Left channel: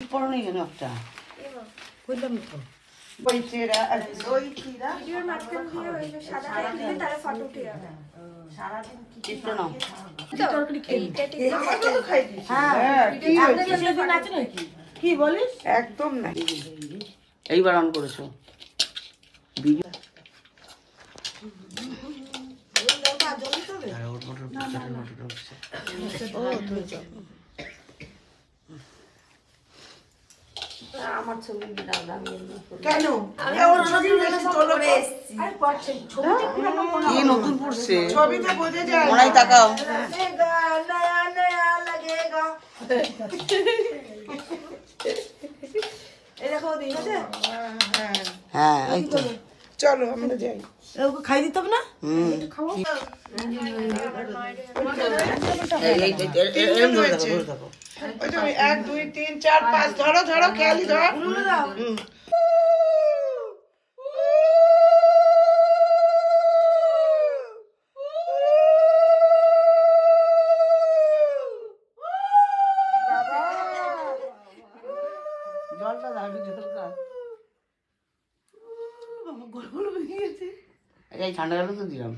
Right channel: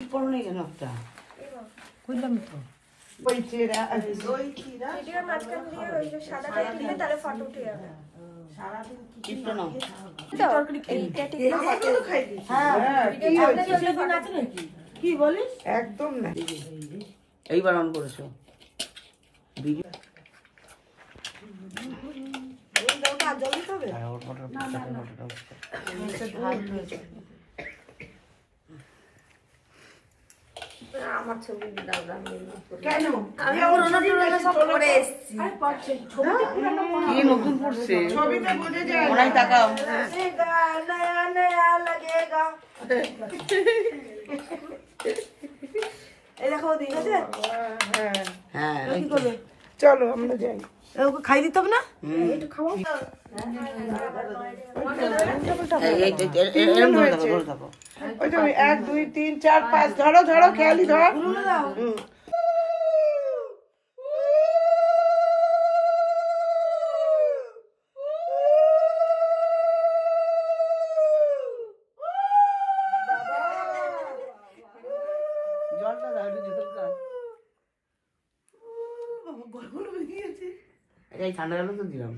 পড়নি কেন একটা কইলাম তো ওই চেরা ওই চিরা ভিডিওর মাঝখান দিয়ে ওই যে সাদা দিয়ে তার ফটো উঠিয়ে সারাদিন কিছু নাও তরকারি খেয়ে আমাকে তো খাই দিছি হ্যাঁ আপনি সেদিন আছে নাকি কি বলিস একদম না এইবার অন করেছো ভিডিও এই লঙ্কা জমি হবে আর ওর ফটোটা উঠছে ভাত হয়েছে আমার ছবি দাও কেন আমি ওর ছবিগুলো সব করে এসেছি আরে পাচ্ছে ছবিতে পুরনো কি নতুন পড়ছে ছবিতে বোঝা যায় ওরাই তাকাও নয়া নয়া লাগেগা এই দেখো দিন আছে হ্যাঁ এই তো চলো আমরা যাই ওকে খাই দিতে হবে না একটু খাওয়াও ওই তো 1 2 3 4 5 ধরো ধরো খেয়ালি ধর উনুনে দাও জলটা দাও জলটা গলগল হয়ে গেছে এই ঠান্ডা জল তো দিলাম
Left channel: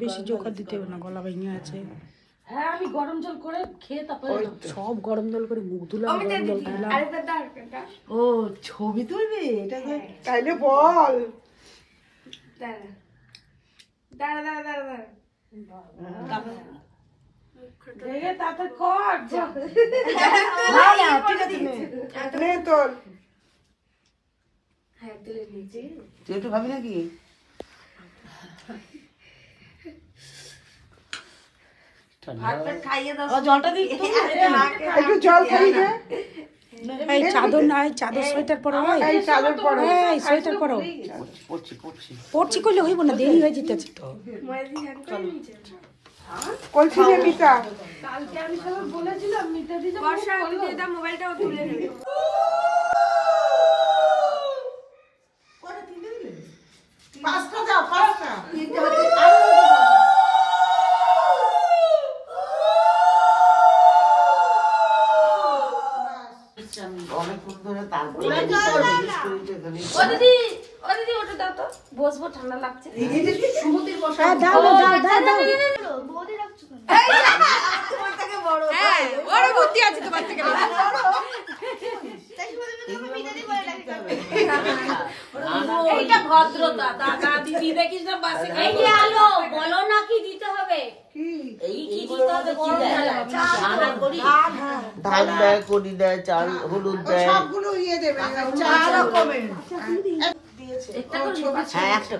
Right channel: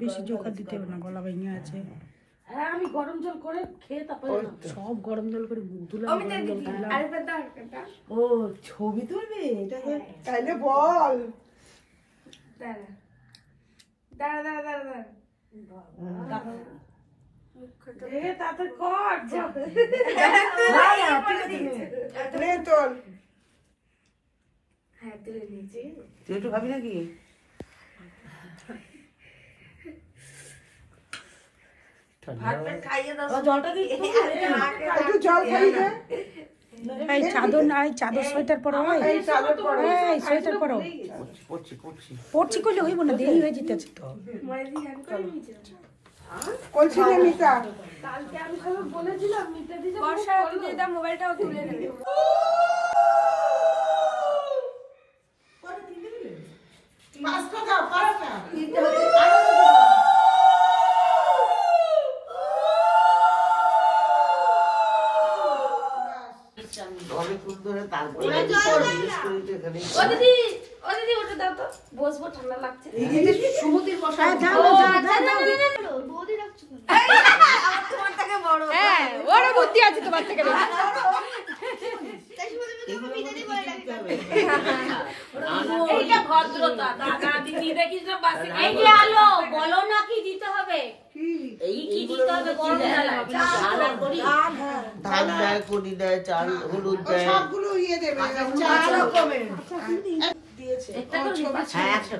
বেশি জোকার দিতে হবে না গলা ভেঙে আছে হ্যাঁ আমি গরম জল করে খেয়ে তারপরে সব গরম জল করে মুখ ধুলাম গরম জল খেলাম ও ছবি তুলবি এটা তাইলে বল দাঁড়া দাঁড়া দাঁড়া দাঁড়া এই তাতে কর না ঠিক আছে নে তোর হ্যাঁ তুলে নিয়েছি তুই একটু খাবি নাকি জলটা দিই একটু জল খাই না এই চাদর নাই চাদর সোয়েটার পরো এই চাদর পরো এই সোয়েটার পরো পড়ছি কইলে হইব না দেরি হয়ে যেতেছে তো কইছিলে মিতা কালকে আমি সব বলেছিলাম মিতা দিতে বর্ষা তুই এটা মোবাইলটাও তুলে নেবে পাঁচটা দাও পাঁচটা তিনটে হচ্ছে বসবো ঠান্ডা লাগছে সমুদ্রের বসা হ্যাঁ ওরা বুদ্ধি আছে তোমার থেকে ভদ্রতা দাদা দিদি দেখিস না বাসে আলো বলো না কি দিতে হবে ধান দেয় কড়ি দেয় চাল হলুদ দেয় সবগুলো ইয়ে দেবে একটা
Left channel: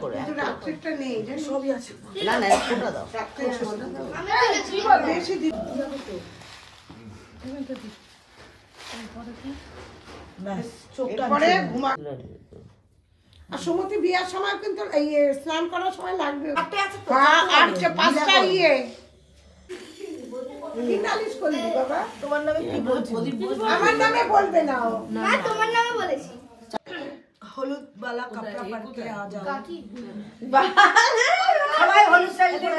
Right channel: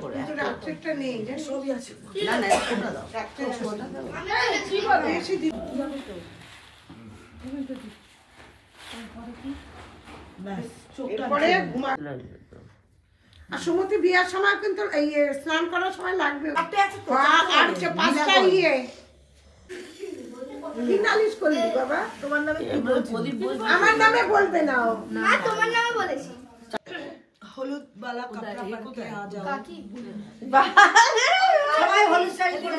করে একটা নেই সবই আছে না না একটা দাও সমুদ্রে বিয়ার সময় কিন্তু স্নান করার সময় লাগবে তোমার নামে আমার নামে বলবে না তোমার নামে বলেছি হলুদ বালা কাপড় পরতে आ जाओ সবাই হলুদ শাড়ি পরে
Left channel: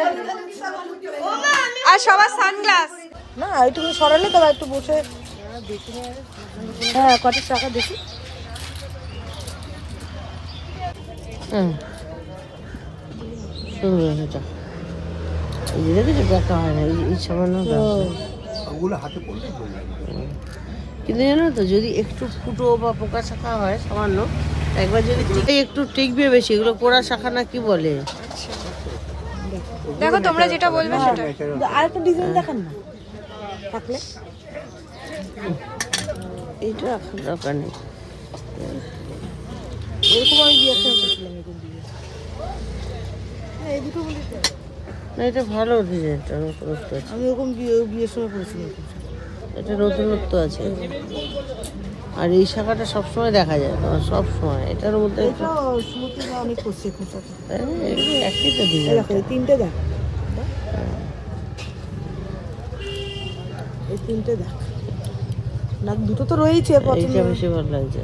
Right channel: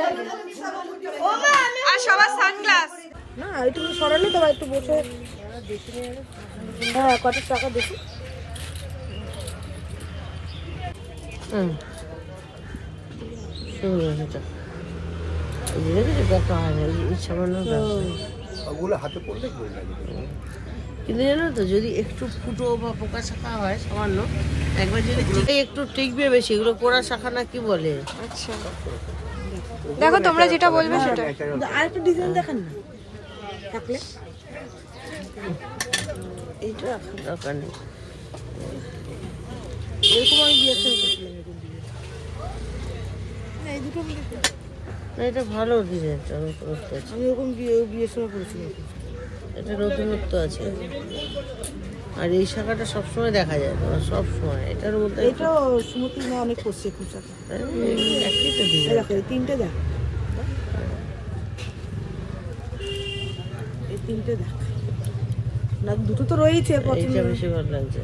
আর সবার সানগ্লাস না তুমি সরালে তো একটু বসে দেখি হ্যাঁ কত টাকা দেখি কিন্তু জানো তো যদি একটু ফুটো বা পোকা শাখা হয় সামান্য একবার যদি একটু টিকবে বেশি এগুলো পোড়া শাখা না কি বলে আচ্ছা দেখো তোমরা যেটা বলবে সেটা আর একটা ডিজাইন দেখান না থাকলে এইটা দরকার নেই এরকম আমি বিয়ে করছিলাম এই দুটো বলি না এটা ভালো ডিজাইনটা আমি এরকম বিয়ের সময় করেছিলাম এটা নতুনত্ব আছে আর এই শাখাটা সবসময় দেখা যায় না সবসময় এটার মধ্যে এটা স্মৃতি না অনেক করছে খোঁচা একই তো দেখো এই তিনটে দেখ এই তিনটে দেখ না দুটো তো রয়েছে পছন্দ বেশি ভালো লাগছে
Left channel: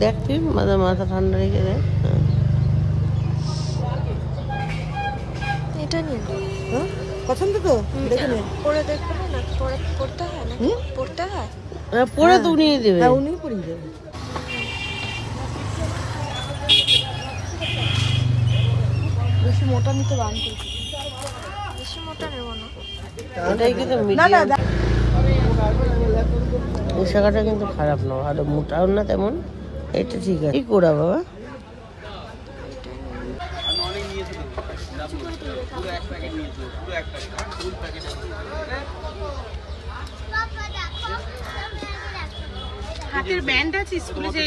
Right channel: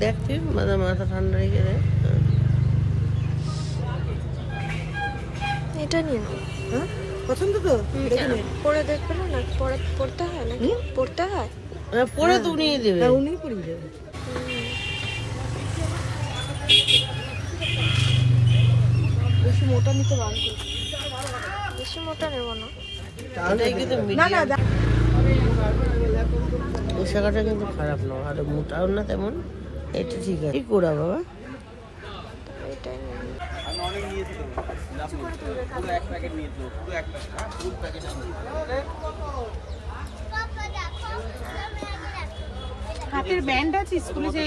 দেখ তুই মাথা ঠান্ডা রেখে দেয় এটা নিয়ে হ্যাঁ পছন্দ তো দেখে নে পরে দেখবে না পরে পড়তে হয় নাকি পড়তে হয় পরে তো উনি দেবে। হ্যাঁ উনি পরিয়ে দেবে। বেশি মোটা নিতে বানতে, বেশি মোটা নেব না। এই শাখাটা কিন্তু খারাপ না, আর মোটাও না তেমন, এটা ঠিক আছে। কি করা বাবা? হাতের ব্যান্ড আছে স্কুলে, যে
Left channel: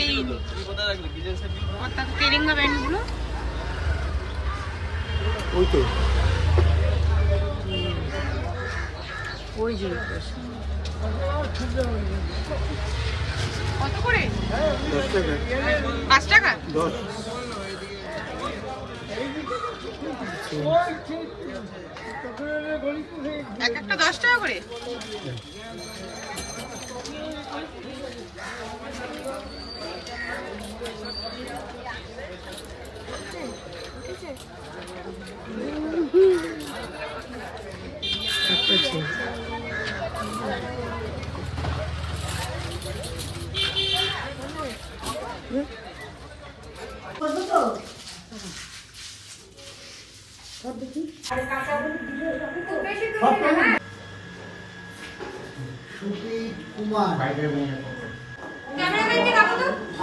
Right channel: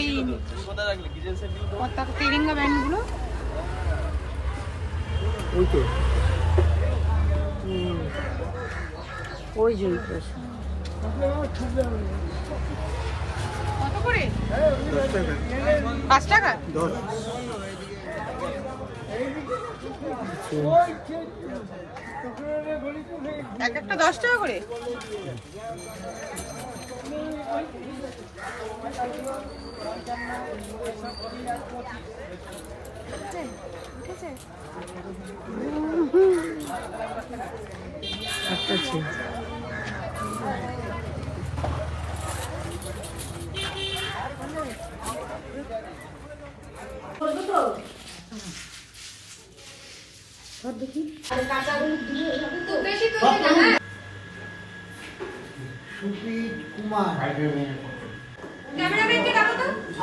তেরেঙ্গা ব্যান্ড গুলো ওই তো ওই যে কত করে? 10 টাকা। 5 টাকা? 10। এক একটা 10 টাকা করে। উঠেছে? সুপীত কুমার।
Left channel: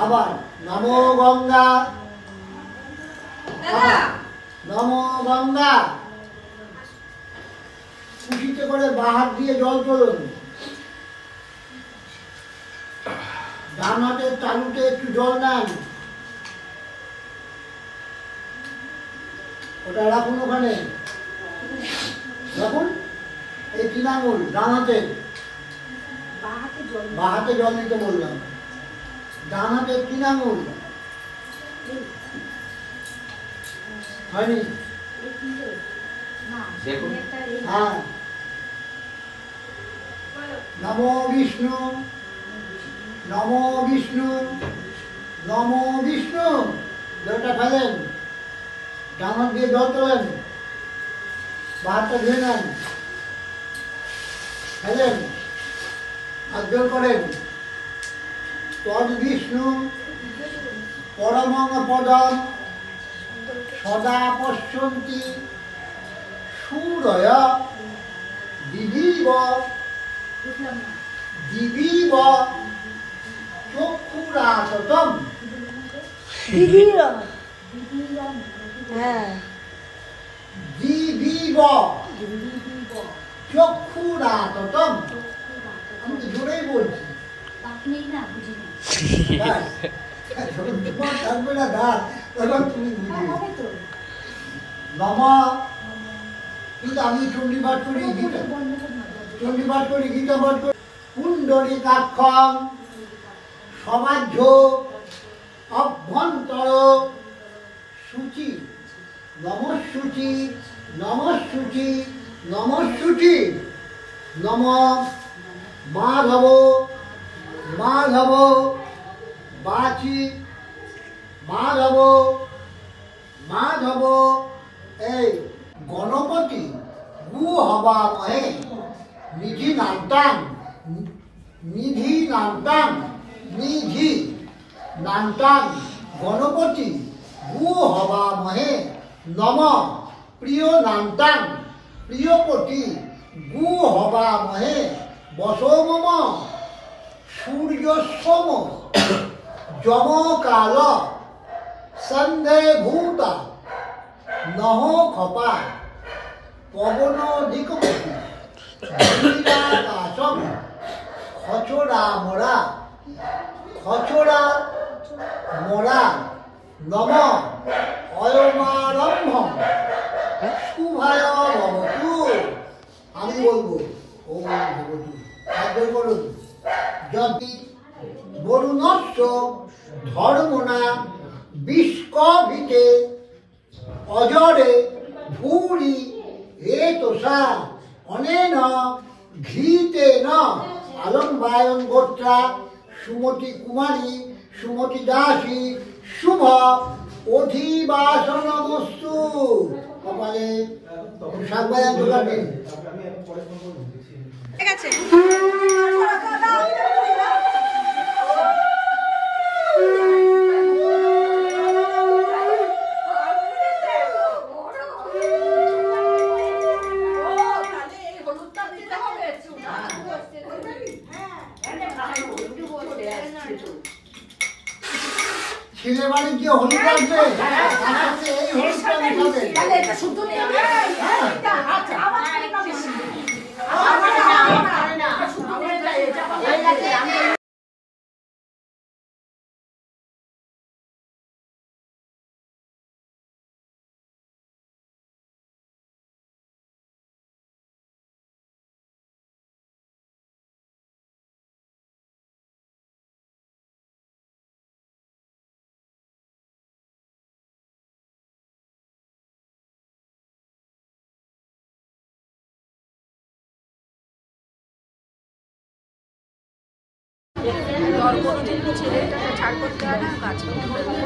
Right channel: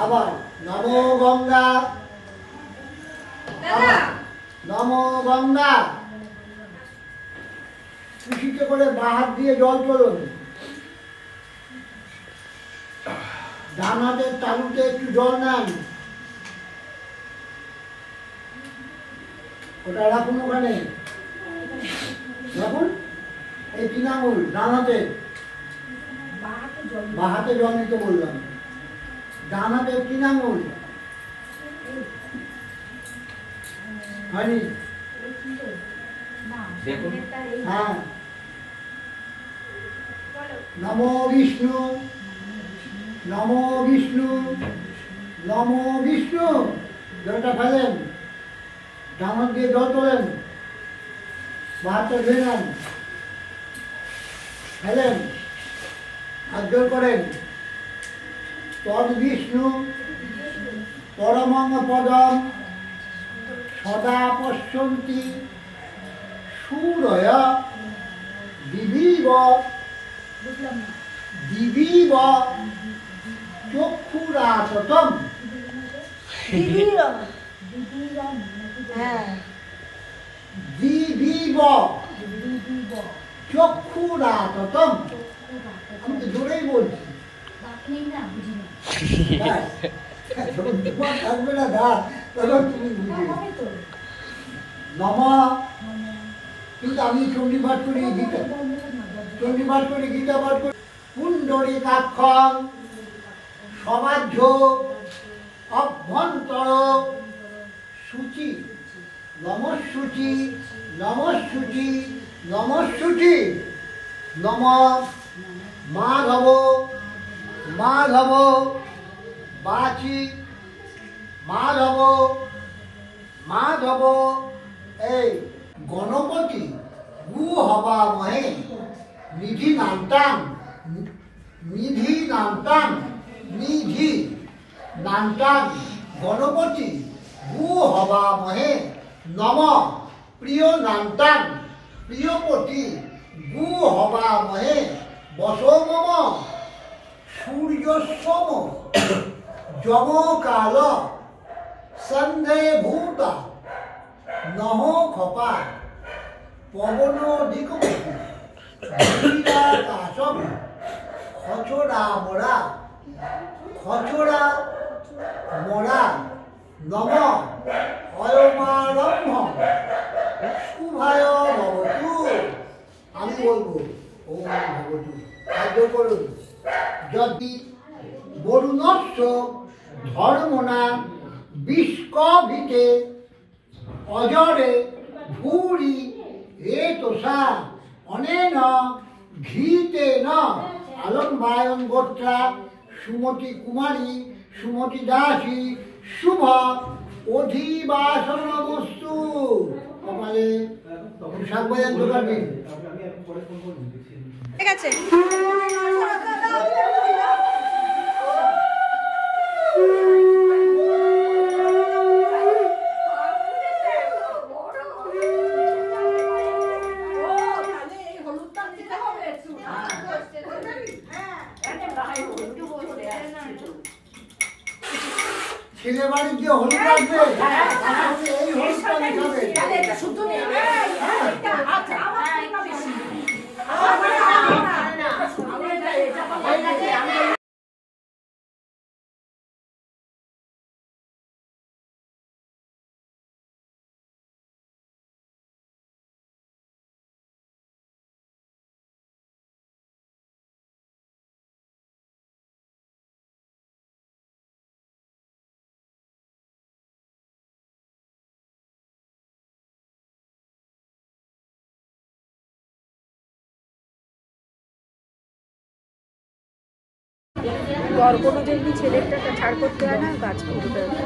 আবার নমো গঙ্গা, নমো গঙ্গা। খুশিতে করে বাহাত দিয়ে জল চলুন। ডান হাতের তালুতে একটু জল নেন, ওটা রাখুন ওখানে, রাখুন। এই 3 আঙুল ডান হাতে, বাহাতে জল নিতে বললাম। ডান হাতে 3 আঙুল হয়নি? হ্যাঁ। নমো বিষ্ণু, নমো বিষ্ণু, নমো বিষ্ণু। জলটা ফেলেন, ডান হাত দিয়ে জল তোলেন, বাহাতে ধুয়ে নেন, ফেলেন, হাত জোর করেন। তদ বিষ্ণু পরমং পদম সদা পশ্যন্তি সূরয় দিবিব দিবিব চক্ষুরাততম। দিবিব চক্ষুরাততম। আমি তো জোরেই বলছি। থাকবে না দা, তখন তুমি বুঝবে। নমা, কিন্তু আমি চণ্ডীপাঠ করি, গীতা চণ্ডীপাঠ করি, গীতা পাঠ করি। পুণ্ডরীকাক্ষং সমাজ্য অভ্যন্তর সূচি নমঃসূচি নমঃসূচি নমঃসূচি। নম মাধব মাধব বাচি মাধব মাধব। এই গণপতি গু হবা মহে নিধি নামতাম, নিধি নামতাম, নিধি নামতাম। গণপতি গু হবা মহে নম প্রিয় নামতাম, প্রিয়পতি গু হবা মহে বসো মম সূর্যস্বম যম কাল সন্ধে ভূতা নহ খপা পবন দিকপতি কাশম খচড়া মোরা খচড়া মোরা। নম অয়মারম্ভ শুভায় ভবতু। আমি বলবো ওম ভবতু, সাহায্য করুন। যদি বরুণস্য ধর্মনা বিষ্কভিতে অজরে ভূরি এতসা অনেন ঘিতেন আলম্বায়ন গোত্রা সুমতি কুমারী সুমতি দাসী শুভ অধিবাসনমস্তু। কপালে শাকবাজার দোকান দিন। ঠিক আছে ছেলে বাড়ি গিয়ে হলুদ আসবে এই হলুদটা মিশাবে এটা শুদ্ধ নেই কোনো দিন ছেলেটাকে ছাড় করতে হয় না কাজ করতে হয়